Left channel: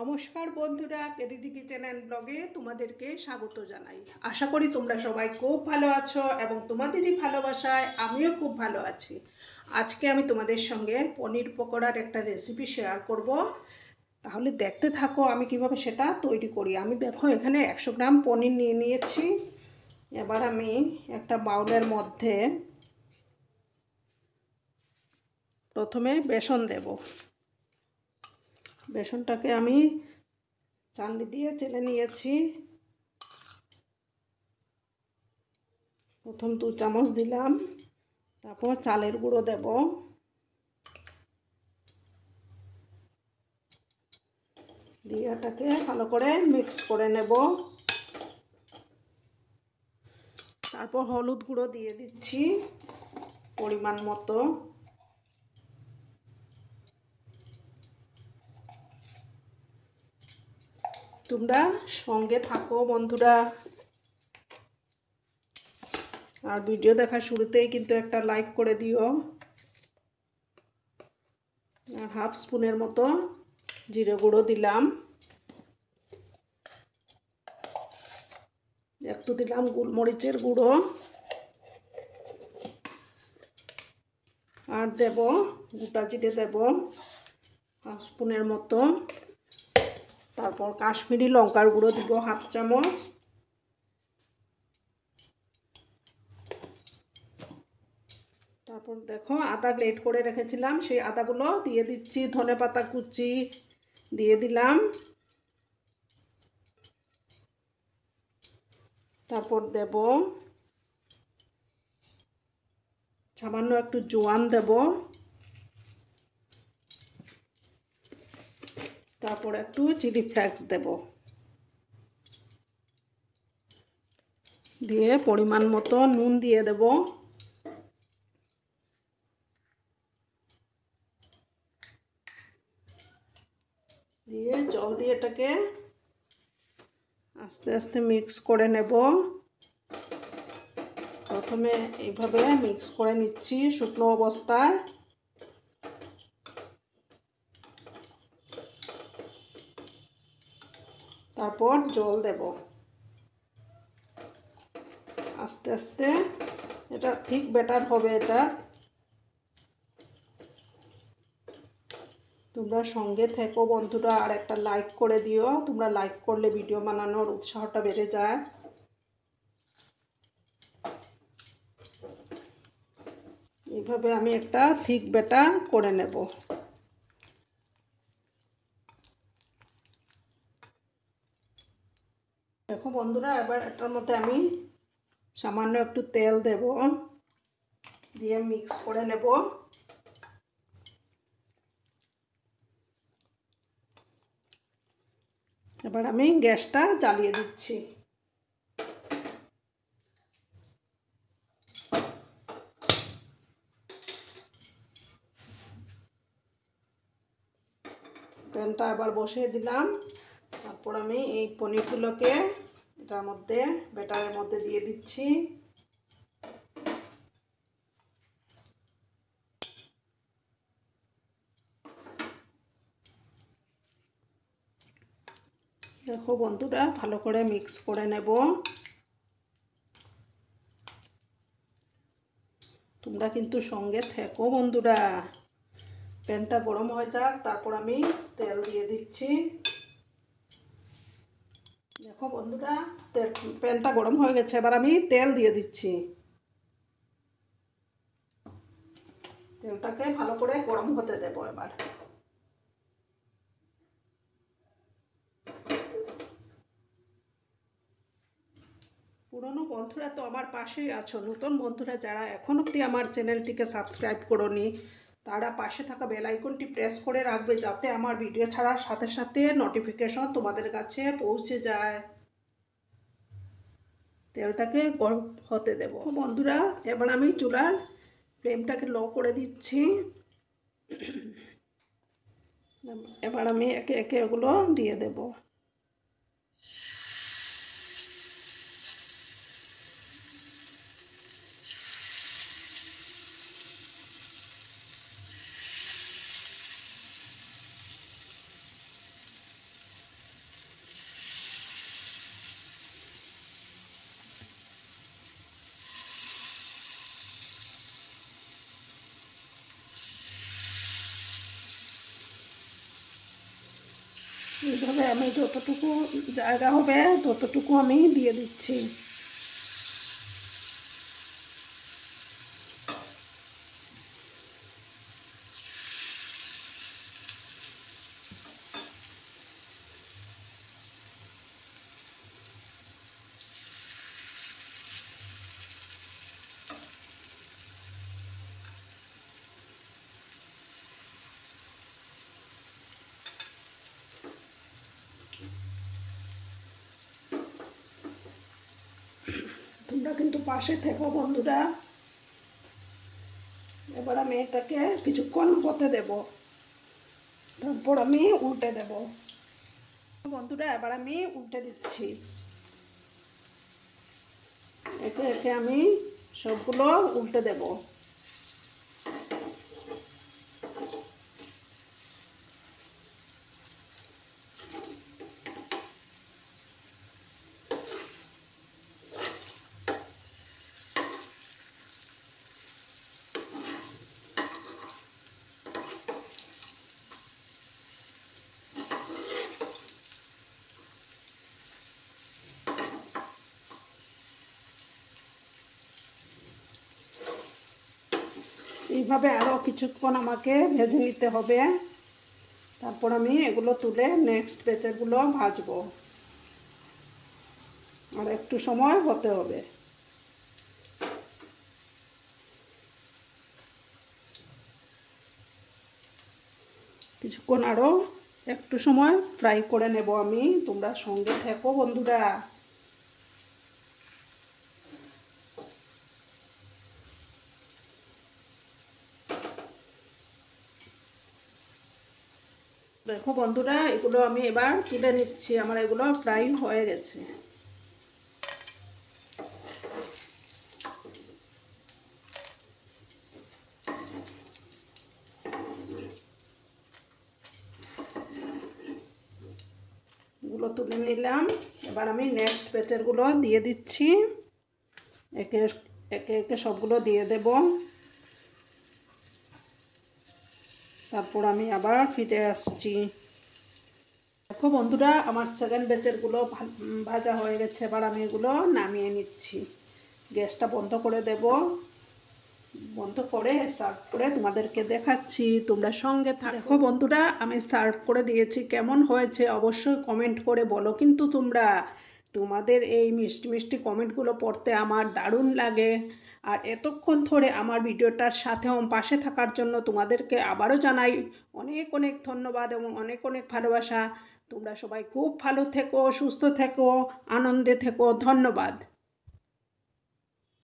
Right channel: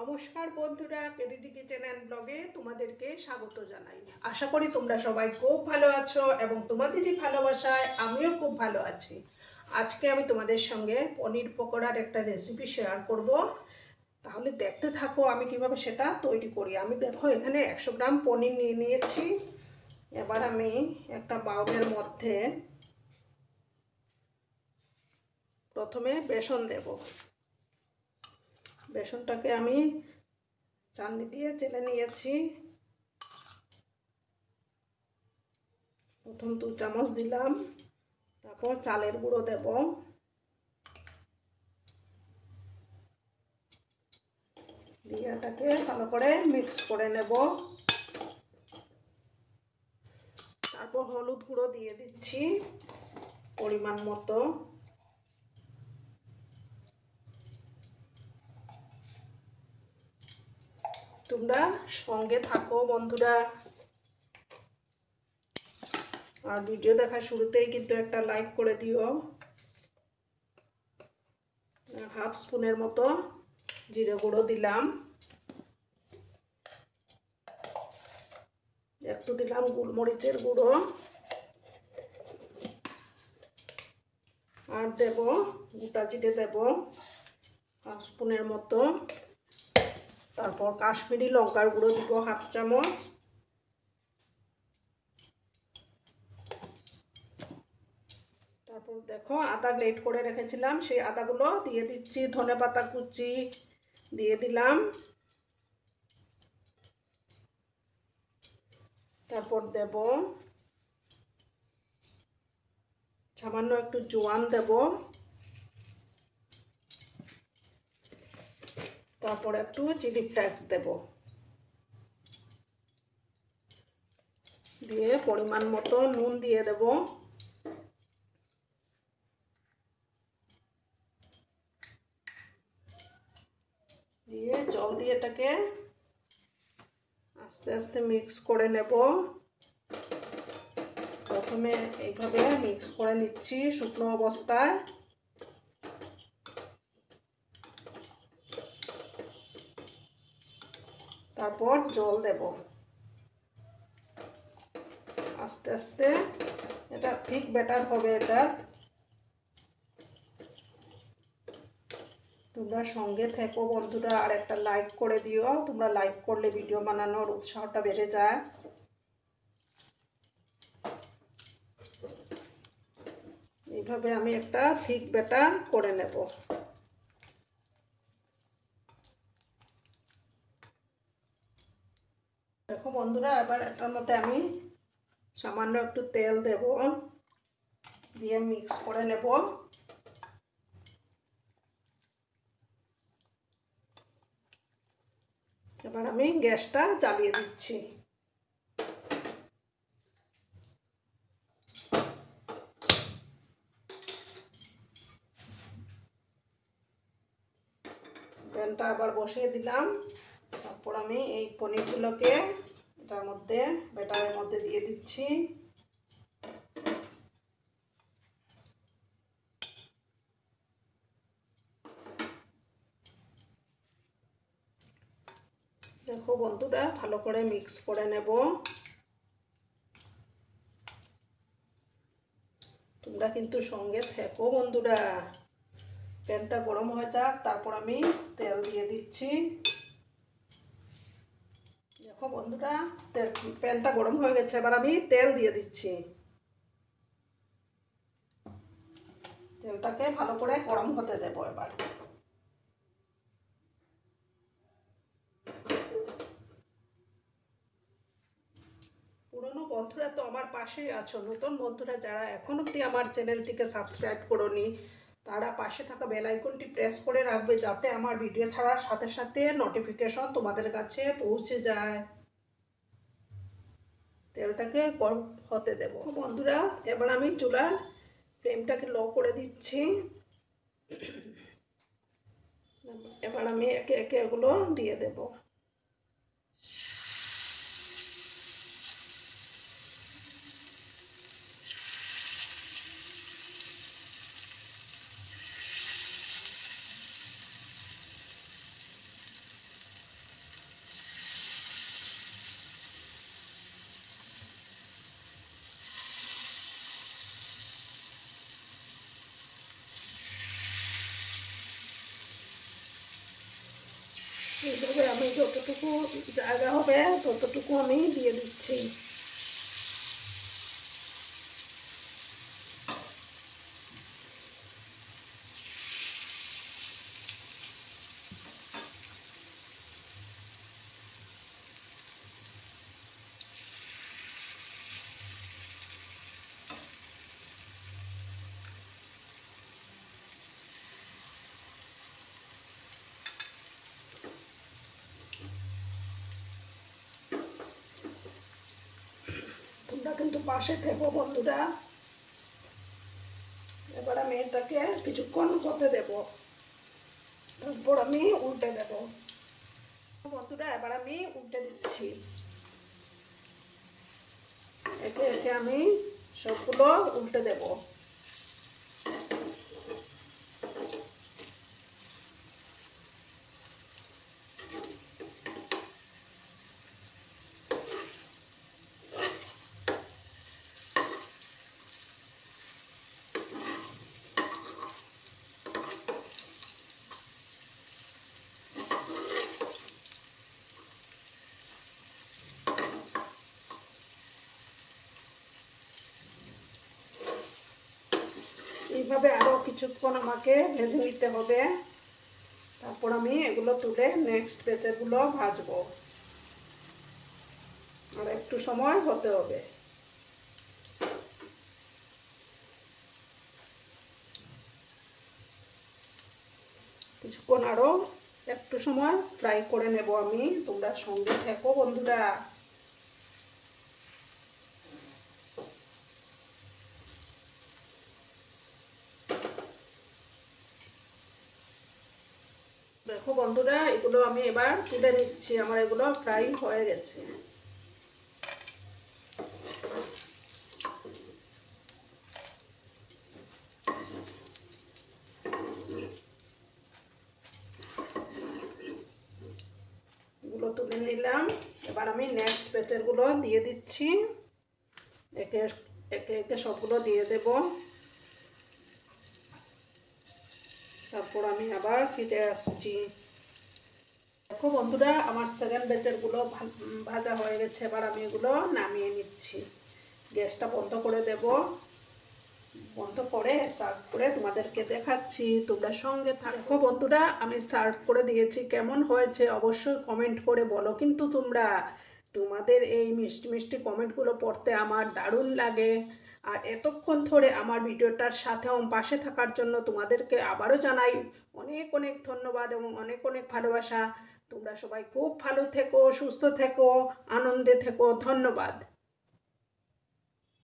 নমস্কার বন্ধুরা, KDD kitchen and ব্লগে তোমাদেরকে স্বাগত জানাই। আশা করি তোমরা সবাই খুব ভালো আছো এবং তোমাদেরই ভালোবাসায় আমিও খুব ভালো আছি। আজকে আমি তোমাদের সঙ্গে পনির পকোড়ার একটা রেসিপি শেয়ার করব। তাহলে দেখতে থাকো আমি কিভাবে সেটা তৈরি করি। আমি দেখো এখানে 100 গ্রাম পনির নিয়ে নিয়েছি। এবার আমি একটা বাউলের মধ্যে প্রথমে বেসন দেব। বেসনটাকে আমি চালনি দিয়ে চেলে নিয়েছি। প্রথম 2 চামচ দিলাম, তারপর চালের গুঁড়ো দেব, দিয়ে এটাকে ভালো করে মিক্স করে নেব। তারপর হলুদ গুঁড়ো দিয়ে দিচ্ছি পরিমাণ মতো। তোমরা সঙ্গে থাকো বন্ধুরা, আর ভিডিও দেখার শুরুতেই কিন্তু একটা লাইক করে দিও। আর হাফ স্পুনের মতো জিরে গুঁড়ো দিলাম, একটু দিলাম গোলমরিচের গুঁড়ো, আর দেব গোটা জিরে দেব হাফ স্পুনের মতো। তারপর কাশ্মীরি লঙ্কার গুঁড়ো দিব হাফ চামচ। তারপর দেখো আদা গ্রেট করে রেখেছিলাম, সেই আদাগুলো দিয়ে দিচ্ছি। ধনেপাতা কুচি দিয়ে দিলাম। তারপর দেব সামান্য একটু জোয়ান দেব। তারপর একটু চিলি ফ্লেক্স দেব, দিয়ে পরিমাণ মতো নুন দিয়ে দেব। দিয়ে জল দিয়ে এটাকে আস্তে আস্তে মিক্স করে নেব। প্রথমে এইভাবে মিক্স করে নিচ্ছি শুকনো অবস্থায়। তারপর জল দেব আস্তে আস্তে। এটা ঠিক ব্যাটার হবে এটা। তোমরা সঙ্গে থেকো বন্ধুরা, আর একটা লাইক করে দিও। তোমরা লাইক করলে ভিডিও বানানোর উৎসাহটা বেড়ে যায়। এইভাবে আমি একটা ঠিক ব্যাটার করে নেব। দেখো বন্ধুরা, এবার এটার মধ্যে আমি সামান্য একটু তেল দেব, দিয়ে মিক্স করে নেব। এবার আমি গ্যাসটা জ্বালিয়ে দিচ্ছি। প্যানটা আবার বসিয়ে দিলাম। তারপর আমি এই পনিরগুলোকে এটার মধ্যে ব্যাটারের মধ্যে দিয়ে দিচ্ছি। দেখো বন্ধুরা, ভালো করে মিক্স করে নেব। তোমরা কিন্তু সঙ্গে থেকো বন্ধুরা। প্যানটা গরম হয়ে যাক, তারপর আমি তেল দিয়ে দিচ্ছি। দেখো বন্ধুরা, প্যানটা গরম হয়ে গেছে, এবার আমি তেল দিয়ে দিচ্ছি। তেলটাকে ভালো করে গরম হতে দেব। এবার পুরনো বন্ধুরা তো আমার পাশেই আছো, নতুন বন্ধুরা যারা এখন অবধি আমার চ্যানেলটিকে সাবস্ক্রাইব করোনি, তারা পাশে থাকা বেল আইকনটি প্রেস করে রাখবে, যাতে আমার ভিডিও ছাড়ার সাথে সাথে নোটিফিকেশন তোমাদের কাছে পৌঁছে যায়। তেলটাকে গরম হতে দেব বন্ধুরা। এবার আমি চুলার ফ্লেমটাকে লো করে দিচ্ছি। এবার আমি একে একে এগুলো দিয়ে দেব। এইভাবে আমি যতটুকু জায়গা হবে ততটুকু আমি দিয়ে দিচ্ছি। তোমরা কিন্তু পাশে থেকো বন্ধুরা। এবার আমি এটাকে কিছুক্ষণ হতে দেব, তারপর আমি উল্টে দেব। বন্ধুরা এবার আমি উল্টে দিচ্ছি। একে একে আমি সবগুলো উল্টে দেব। এইভাবে আরও কিছুক্ষণ আমাকে ভেজে নিতে হবে, তারপর আমি এগুলো তুলে নেক্সট ব্যাচেরগুলো ভাজবো। আর একটু সময় হতে হবে। কিছুক্ষণ আরও একটু সময় ফ্রাই করে নেব আমি। তোমরা সঙ্গে থেকো বন্ধুরা। দেখো বন্ধুরা, এগুলো আমি এবার তুলে নিচ্ছি। আমার এগুলো ফ্রাই হয়ে গেছে। এগুলো তুলে নিলাম। এবার আমি নেক্সট ব্যাচেরগুলো দিয়ে দিচ্ছি। একে একে একে সবগুলো দিয়ে দেব। তারপর আমি আবার ফিরে আসছি। দেখো বন্ধুরা, আমার সেকেন্ড ব্যাচেরগুলো ভাজা হয়ে গেছে। এবার আমি এগুলো নামিয়ে নিচ্ছি। গ্যাসটা বন্ধ করে দেব। বন্ধ করে সার্ভ করে তোমাদেরকে দেখাচ্ছি। তোমরা সঙ্গে থাকো বন্ধুরা। আমি সার্ভ করে দিয়েছি। কেমন হয়েছে অবশ্যই কমেন্ট করে বলো কিন্তু তোমরা। তোমাদের এই মিষ্টি মিষ্টি কমেন্টগুলো পড়তে আমার দারুণ লাগে। আর এতক্ষণ ধরে আমার ভিডিওটার সাথে পাশে থাকার জন্য তোমাদেরকে আবারও জানাই অনেক অনেক ধন্যবাদ এবং অনেক অনেক ভালোবাসা। তোমরা সবাই খুব ভালো থেকো, সুস্থ থেকো, আনন্দে থেকো। ধন্যবাদ।